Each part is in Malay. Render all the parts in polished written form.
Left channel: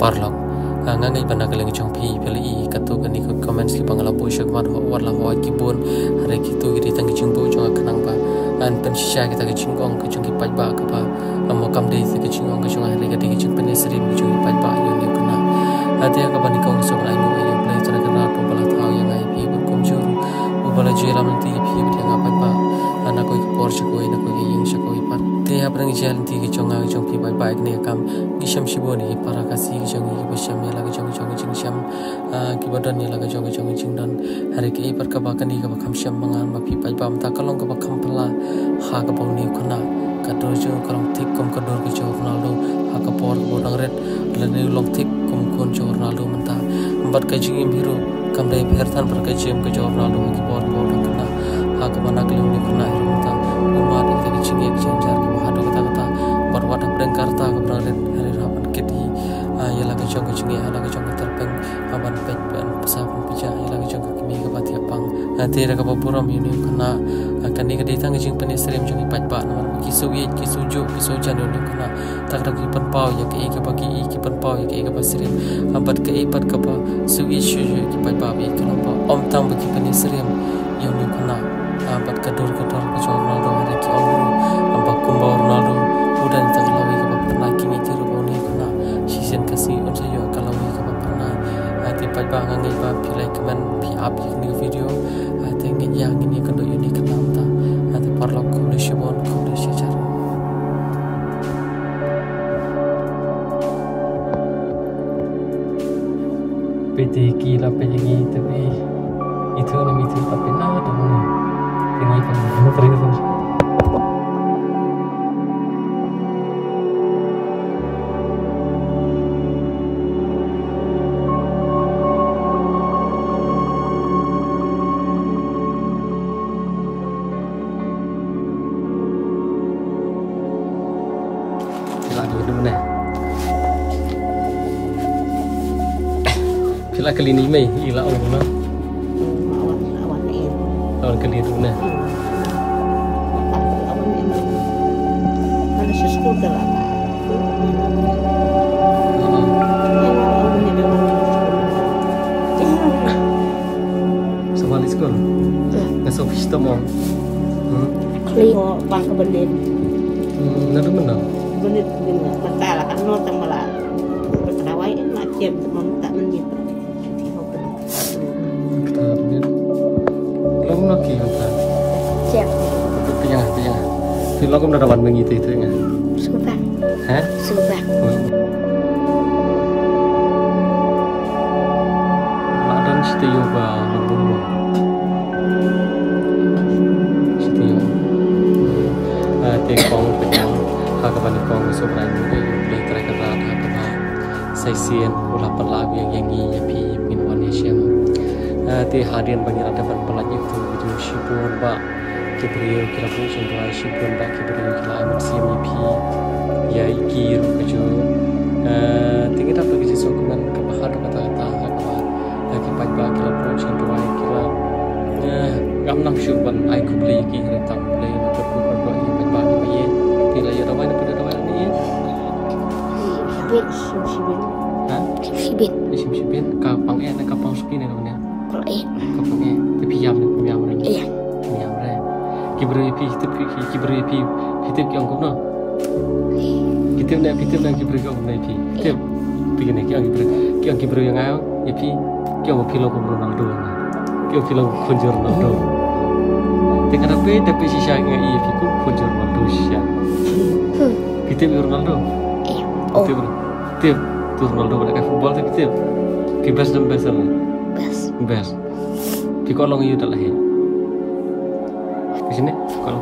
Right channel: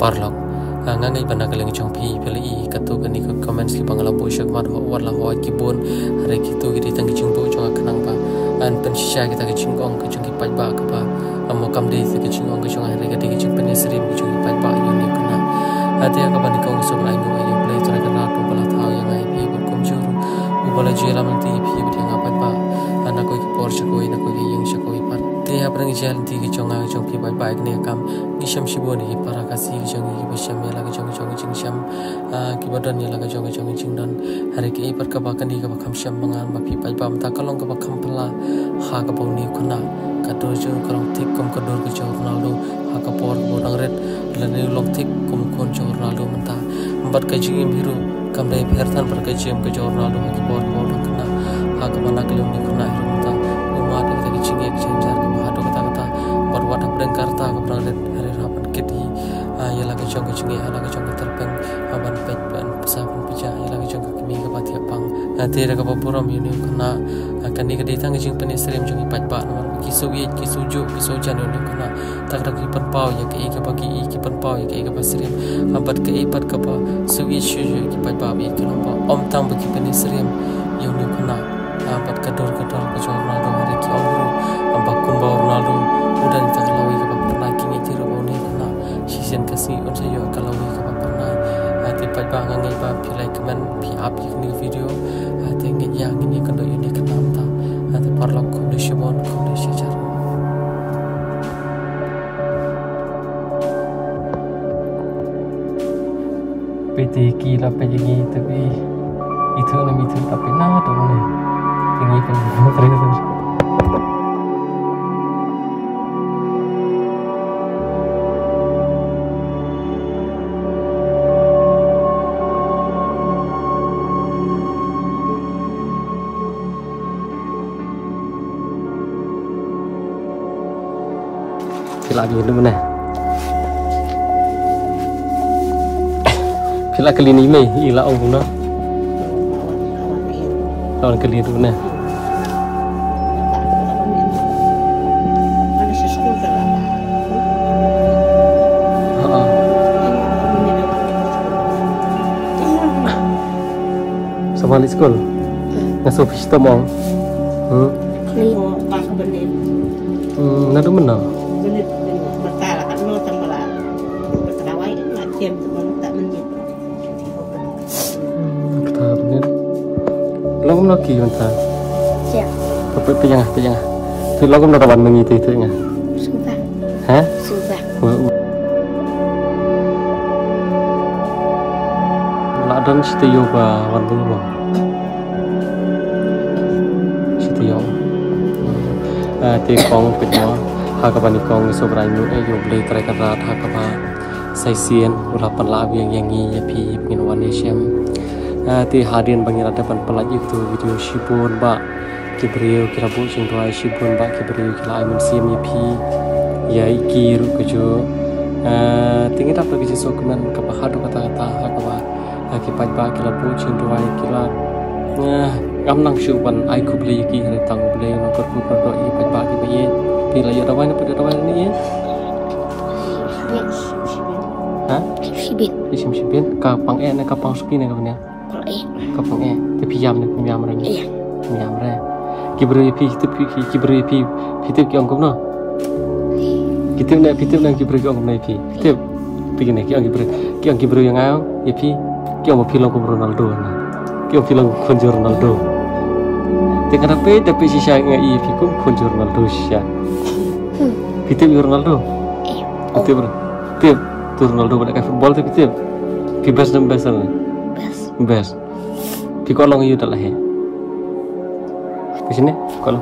parlok ngangai panagaling chong phi peli katu kani ko comments ki bangala bo shak mar ho wala ho ki bon hare ki tu gi tang ki chung bo chong kanang ba an pen shisha ki ta ki chung ong ki chung ki pai ba ka ba amo kam de ki chung ong ki chung hare ki ki chung pen srim ki chung ki pai ba yo ne kana ate ka bani ko so rai no ayo play to ka na to bala thau yang ai phi bu kum juru u bala jela man ti phi bi yang pai ba ana ko ki por chakoi na ko ki ying chakoi pat te aprang jel ti ki chung a chung phi pai ba ne kam ki sham shiboni para ka si ki chung ki ba sham ya la ki chung ching sham ki badan ya la ka chung ching don hari ki par ka ba kani ka ba kham sham mangan ma phi pai ba ta kalong ka ba kham pala ha ka ba ni khuna ka do jo kalong thik kom ka dor ka chor Ronaldo ha ka por bo dang ret la ni long thik kom kon chor Ronaldo manta bat ka jing biru kam dai pher than par ka jim ka chor Ronaldo ki por bo dang kana ha ka ba na kalong ni khuna hiru manta uma de ki ching ek ching jar ki ba do kata kata bar wat aprang karta ka dang ret hari rapan kiti ya la ka chung ya la ka chung terpeng aban pet ban pesa pun pija ya la ka chung ki mi ka ba ti apang te ra ka ba puram yuni kana akan ni ka ditang jing pen stream chung ipat ba na ki su ye ki su jo ki su jan yuni kana tak ra ki pan pau ya ki ba ki pan pau ya ki ba stream abat ka pat ka ba su ye shu ki pat ba bi kana ba om tang ba ki pen stream yuni kana abat ka dor ka chor Ronaldo hari ki om ru amba kumba Ronaldo udah tak lawi ka ba pernah ki ngi tiru ba ni kana season kasi unsa yo kalau we ka pernah ati pai ba ngai ba pi like comment pi up ni video ati ngi yang ini kan do ini kenam ta ati parlok ko le shibon ko le shijar PT kila pe yangi tapi itu na mi tu tapi na to ni yangi kan terus Pila dulu mana? Pila kali ni mai ila ong na. Awan kali dulu mana? Ada sesuatu kan? Sama di sekolah. Ngasuh fish tomong. Kali tak kebenin. Nadu mana? Benih bertala kan mau tembala berterawai macam mau tak menyit. Kita benar. Lagu lagi mana? Siap. Tengah. Tu lagu mana kawan mengitu itu enggak? Sudah. Hah? Sudah. Ladan setiyo ba lagu ba? Setiyo. Te kong petmo. Hakaban kong sobrai mu ayo play try karat hakaba saisian ulapan lagu yang yangi ya pi pengin wan shem ti hadian bangira depan pelaj itu video shibun ba kibrio kira bu sing tuai shibun ba kibrio kila aiman siam ya pi ya ikiru keju tinggi dapat lagi sokumen kebahado kata-kata hakaba akibat ba kila bu sing tuai kila ngamnang syuban ai kubli ki retang beli no perku perdo i ba ki baye pila ya dawai ni ya hah sibit kapang kapang suki ne kapang kapang tapi yam re Iya. yam re kibru pi hitip ki ongkom no hitip na kibru ki ongkom na pi hitip begini ki kibru yang ayo ya pi ki ongkom pilo ko Ronaldo na ki ongkom pilo konjor Ronaldo Tengah tapi sisa ngai pi ko konjor Ronaldo sya hitip Ronaldo hitip tu Ronaldo pada football tapi hitip pi best pi kolong yu dah he di sini kalau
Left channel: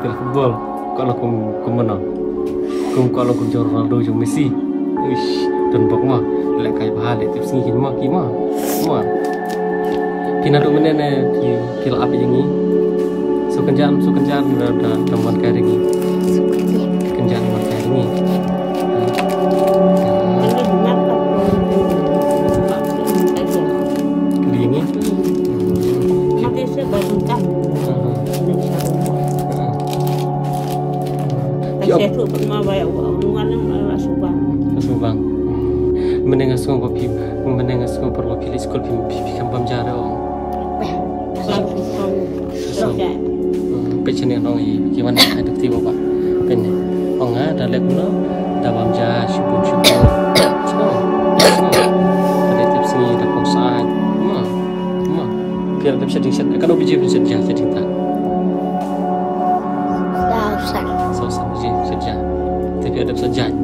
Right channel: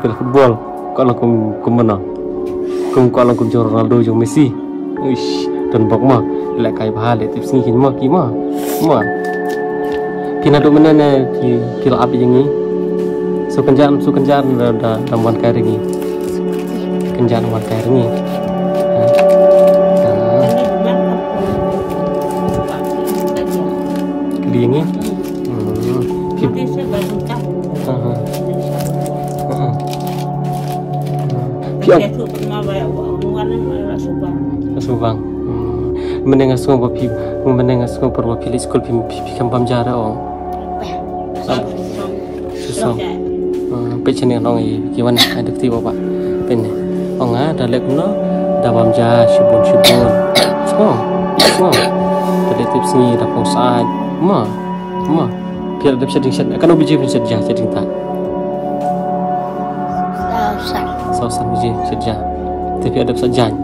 pilih football kalau kum menang kalau kum Ronaldo jong Messi ish dan bok mah lek kai bahal tips ni kin mah kina do menene kilo api yang ni su kenjan da tamban kai ringi kenjan wan kai ringi kelingi Subang. menengah semua papi menengah semua perwakilan sekolah pipi kampam jara ong susah pecah ni orang ini gimana ada tiba pak penne ong ada lek no dalam jara syubun semua ada tips ni dah pun saat ma biar ada bisa disediakan kan obiji bisa jadi tak Sausan je saja. Tapi ada sajan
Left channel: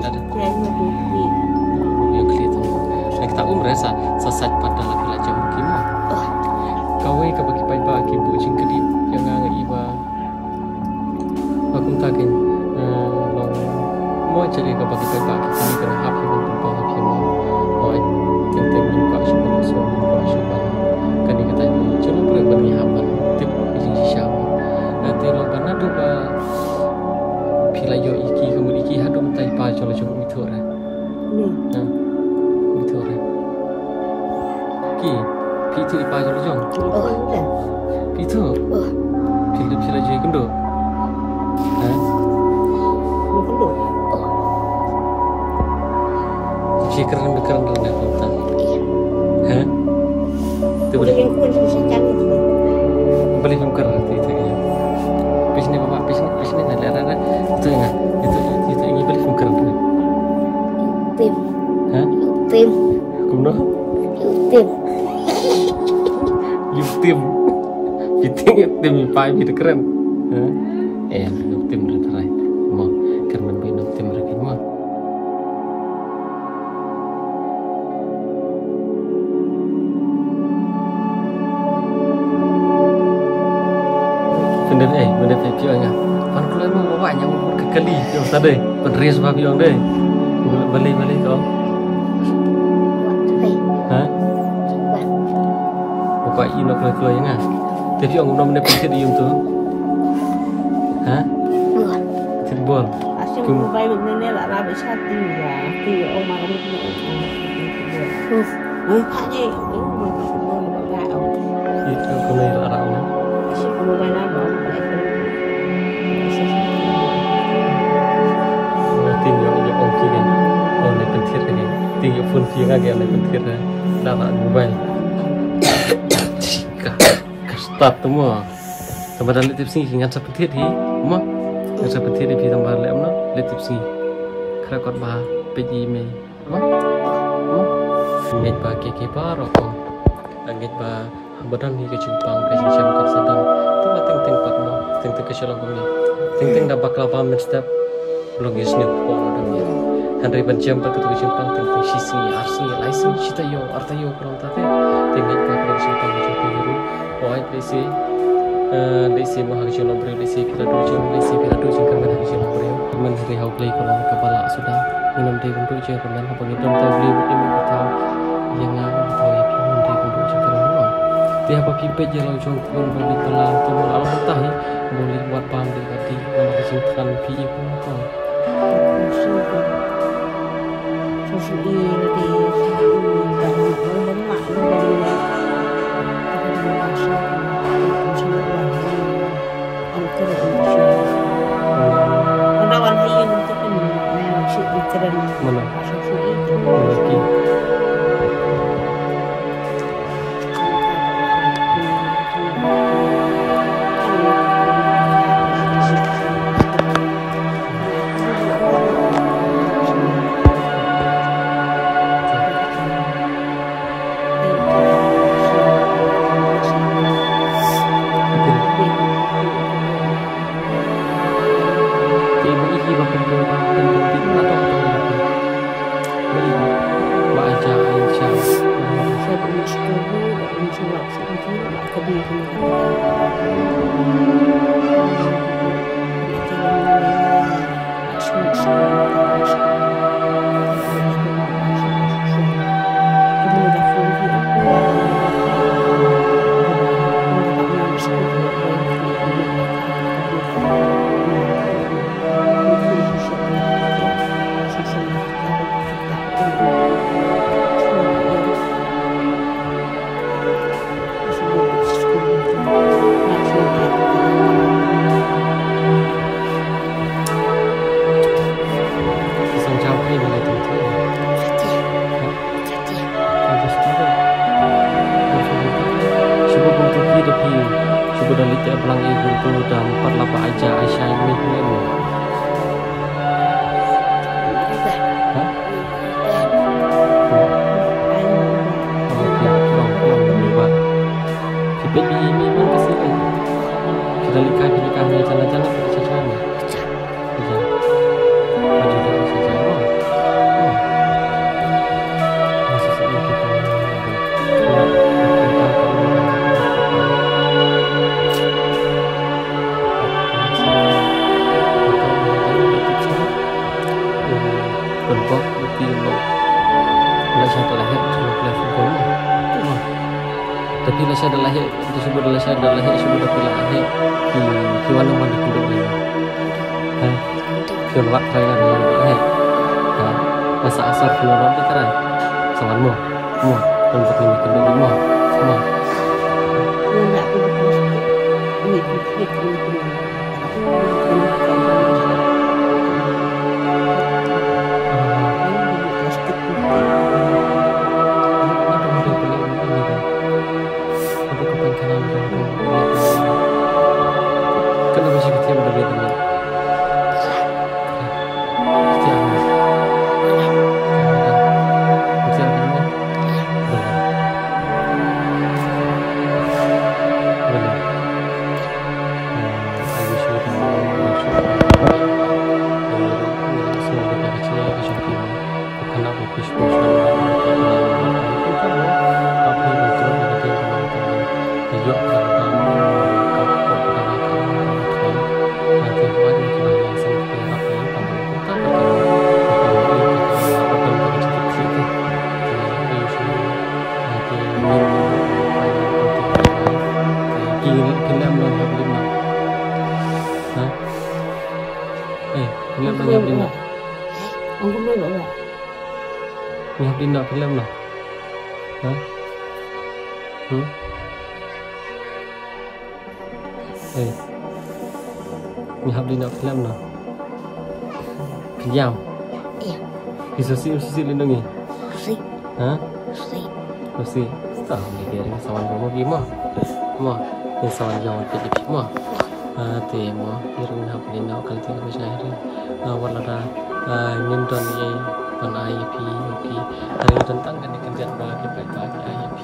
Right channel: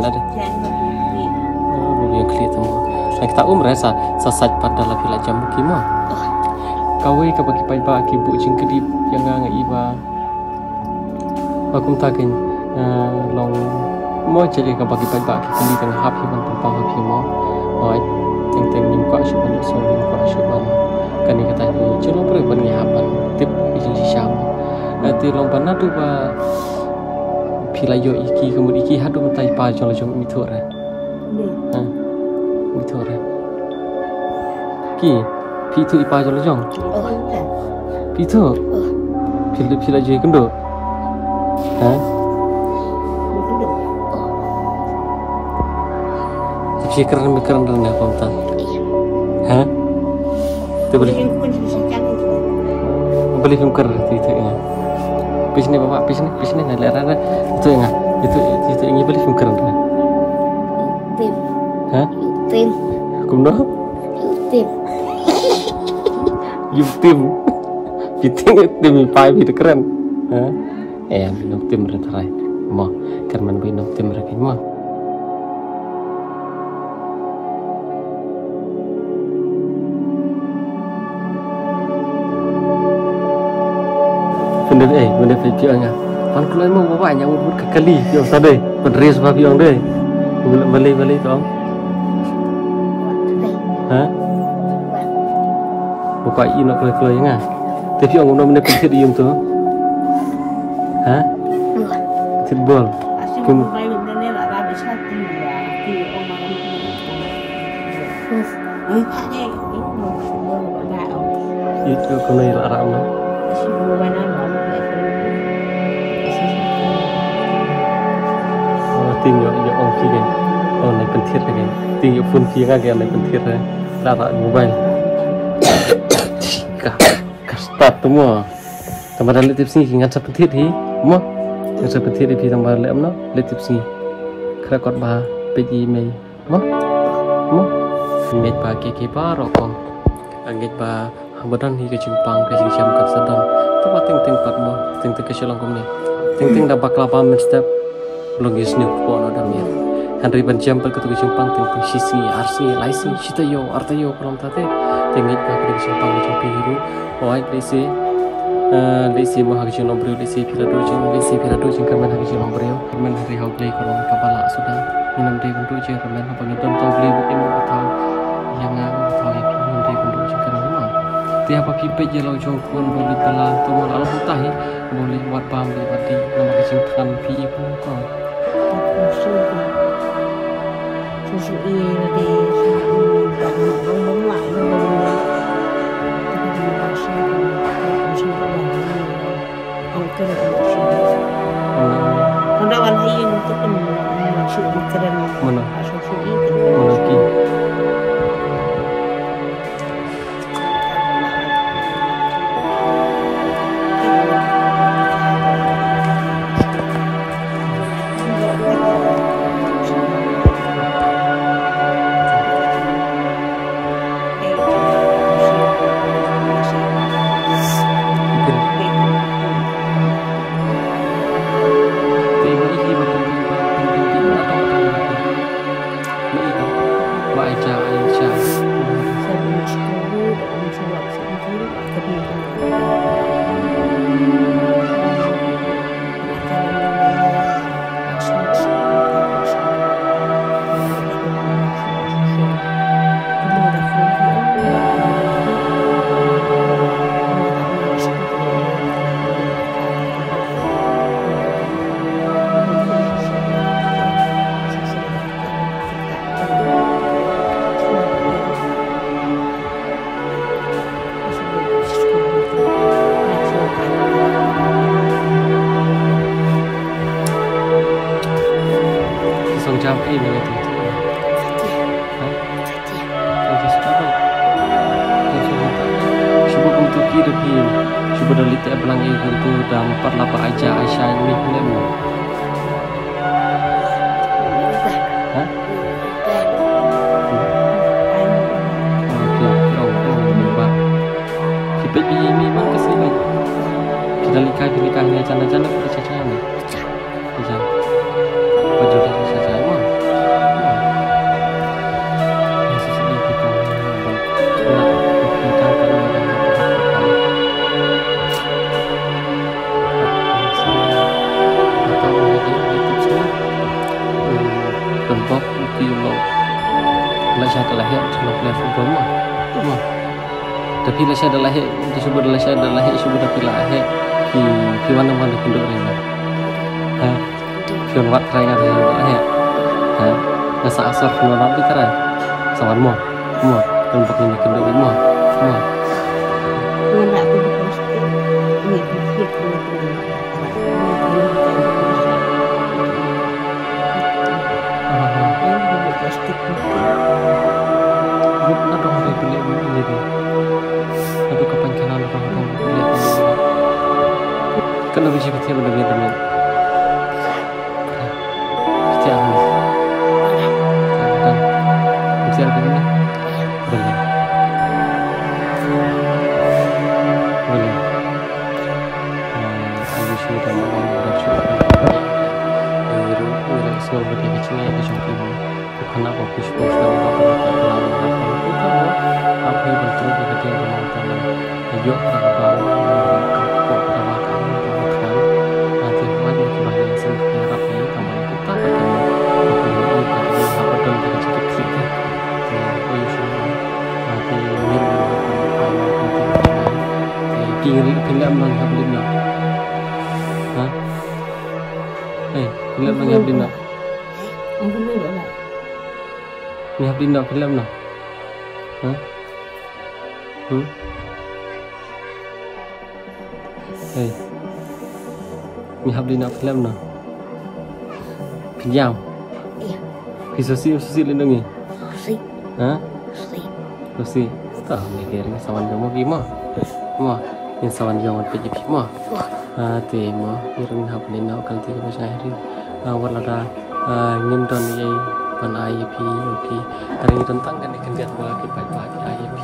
ada. Yang clear temu. Nak kita rasa sasat pada la pila jam kimo. Kawai ka bagi pai ba ki bu jing kedip yang nga iba. Akum takin long mo jadi ka bagi pai ba ki kali kan hap hi ban pa hap hi mo. Oi teng nim ka shu ban so nim ka shu ban. Kan ni kata ni celo bre ban ni haban tip jing si syam. Ati long bana tu ba pila yo iki kemudian iki hadu mentai pa jong jong mithor ha mithor ki pitu ipa jong jong pitu pila je kendo ha fikran dan apa ta ha tu boleh fikir itu ya Pisne bapak pisne nak lihat itu yang itu ini boleh fikir tu. Tim. Kumno? Tim. Tim pai itu keren. Tim berterai. Mau kerman bina tim lagi mau. Benda video nya. Pan keluar mau bawa yang umur kekali yang sadai. Penris babi yang deh. Beli kau. Bapak ini nak keluar yang tapi yang umur benda penting di tu. Football. Asyik main ni lah rabi satu ya. Ti orang ni. Itu kau ni lah orang. Mau main apa? Tim yang ongki kan, naik pentir kan, tim yang phone via kan naik pentir lah, lara mobile. Start semua. Tambah dalam tips ni ingat sepentir hi, semua. Ingat sepentir di tambah dalam no, tips ni. Kerakot bah, pagi Mei, semua. Ingat bah keke bah rokong, ingat bah badan hi kejumpang kejam kat sadam. Tempat ting pat mo, ting keselang kau ni, ting dah bakal apa step. Belum is new pon ada ni. Henry benjam berketuk jumpang tentang sisi arsi laisi cita yo arta yo kalau tate tinggal pada jumpang macam biru. Oh lesi mah kerja nombor lesi pira do jeng kamen kerja nombor yo. Kamen hari hau play kalau kepala sudah minum teh untuk jeng kamen apa ngitung kau beli bikin atau jangan atau minum teh untuk jeng kamen no. Tiap apa pipet je lau jong pun boleh telah tu malah betah boleh buat paham di badi nama kecintaan pi pun kau. Susu ini di dan bermak lebih dari bahasa musim awal angker musim. Pada awal hari itu kan maksud keren mana? Susu itu. Lagi. tapi coba dari tiap pelang itu dah 4 lapa aja Aisyah ini lemu. Hah? Oke, dong berubah. Kita ini mana kasih kan? Kita likah jana-jana pada caca ni. Caca. Baju dah caca mah. Masih sedih kita. Ya, kita akan Bok di lo lah saya dah lahir selok lahir pun mah tapi lah saya dah lahir disebut lah saya dah lahir disebut dah lahir di mana kenduk ni ha kian wat try kan dah lahir ha masa asar keluar di karai sawan mo dan bok ni kenduk mo nak tu terus ni fikir Aduh kepancanan orang kan lebih cepat ya berbeda teman. Pasti aku. Dan bisa begini. Boleh. Ayo sudah masuk. Ngirim semua benda kecil yang kecil bukan apa bisnis dan apa itu kamu apa yang bentuk negatif yang kamu teman yuk kadang kau pertama kamu kan nanti wajib kita yang sendiri rapi tambah kita bertemu ini apa dan kecil itu ayo semua nanti mirip apa yang penting kiri film yang belum hah film yang belum aku belum lah ni habis nak film nak, ni habis nak film nak, pinjam, iya, bisa sih lindungi, sih, sih, tak ni kira ni sawan kamu gimana, ni sawan jangan pergi mah, tema, irun habis nak kalau tiga macam hari, warna nyimton ni pan IUP oke hari tentang kan ikan bagi pagi IUP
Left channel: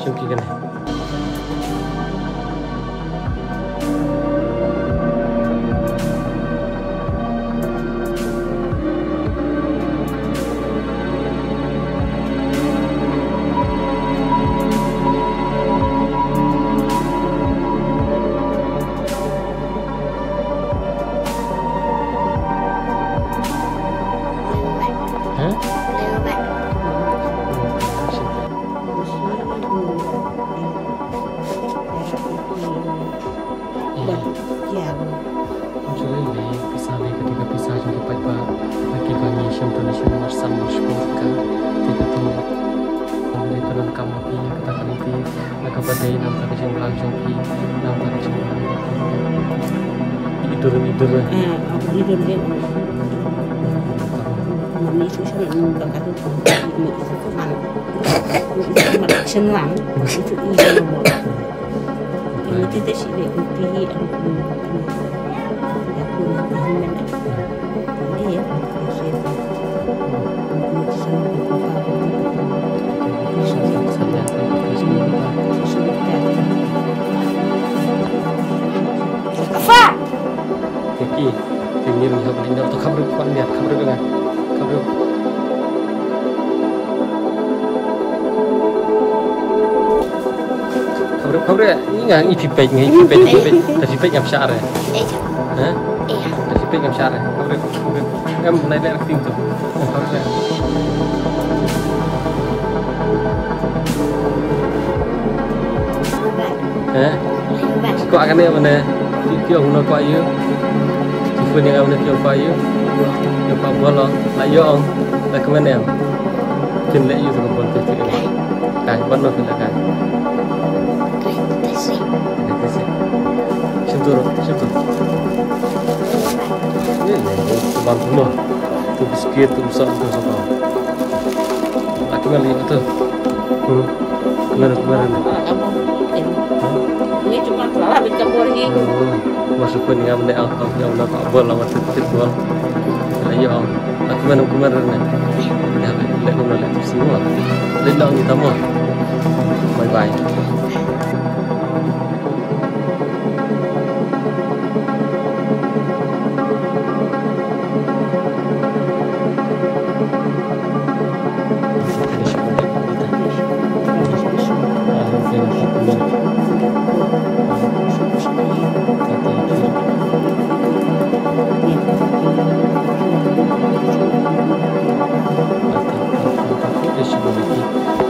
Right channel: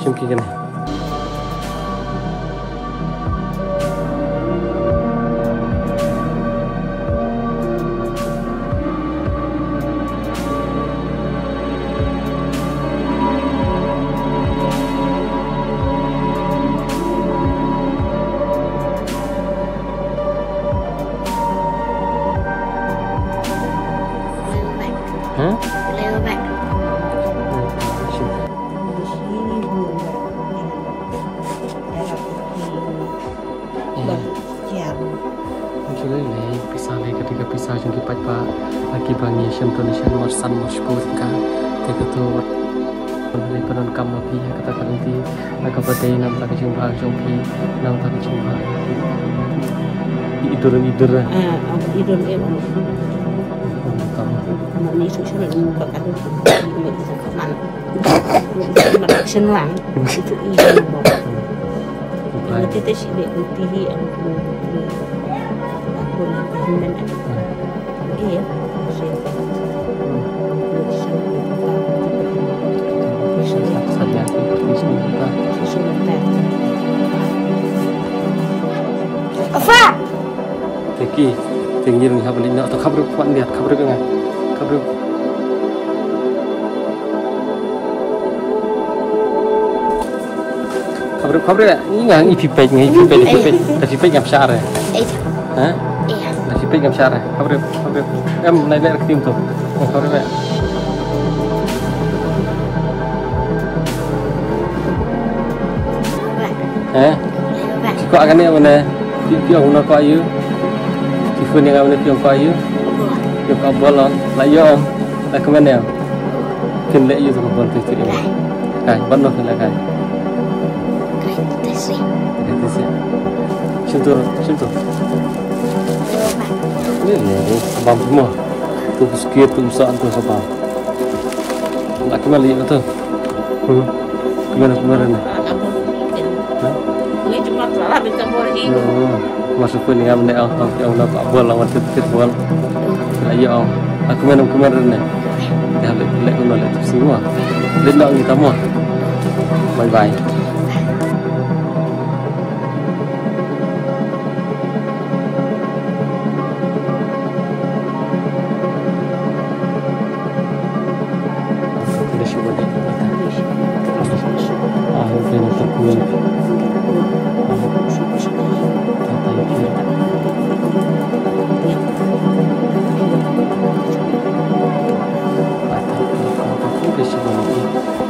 syuki kan ketika pisah jangki pajba lagi bangi syam donation marsan masyukurka tiga tu dari penon kamapi yang katakan nanti agak badai nam tak jumlah jangki nam tak jumlah tidur tidur dia kamu ni susah nak kadu ini man action lang itu ini nombor ini kita sih dek uti aku Hindan iya saja Teki tinggi ni habis ni atau kabar kuat lihat kabar dengan kabar ini nggak ipipek tapi ipipek yang besar ya hah Tapi pegang syarah, kabar naik tim tu, kabar Kau akan ni mana? Piang guna kau ayu, tifun yang mana piang kau ayu, piang kau bola, layong, lah kemana yang? Pin lek ayu tu kau bantu tu ini, kan? Mana pin lek kan? Terus. Syukur. Ni sebab semua tu sikit tu usaha tu sebab nak kembali tu kemana ni habis kabur ini. Masuk pun dengan benda yang nak kabur lah waktu itu bol. Lagi ang aku kemarin ni. Dah lek kau nak semua. Lendang kita mau. Bye bye.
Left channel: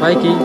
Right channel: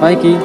Baik,